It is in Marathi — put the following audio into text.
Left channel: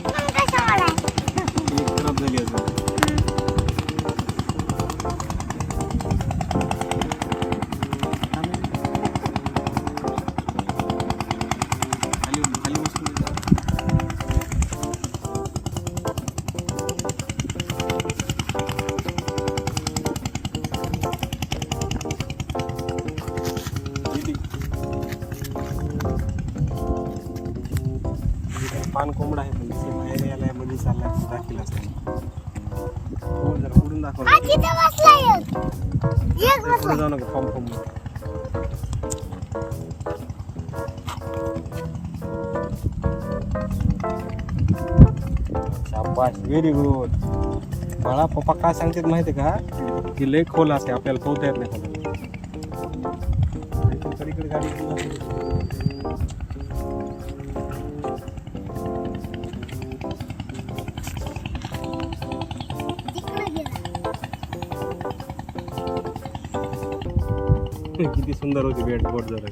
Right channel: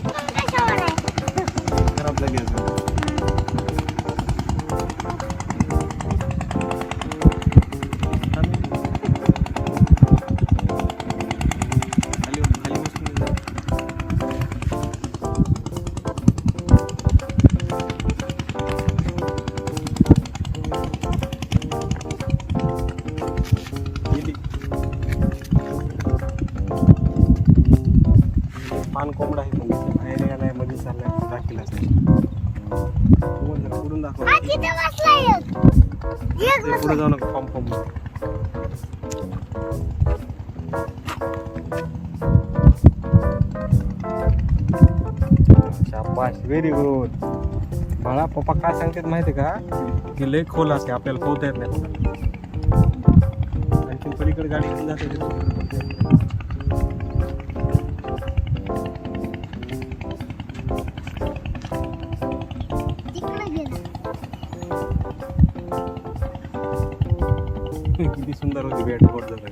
Thank you. पान कोंबडा आहे पण बाहेर यायला मध्ये चाललाय दाखीला जरा पुढून दाखव. पुढे जाऊ नका फॉर्म फॉर्म शाबाश व्हेरी गुड बाळा पप्पा काय सांगतात माहिती का? की लय खोल असते आपल्याला पोहता येत नाही. पलीकडे गाडी किती सुंदर होती बेट बोट जरा.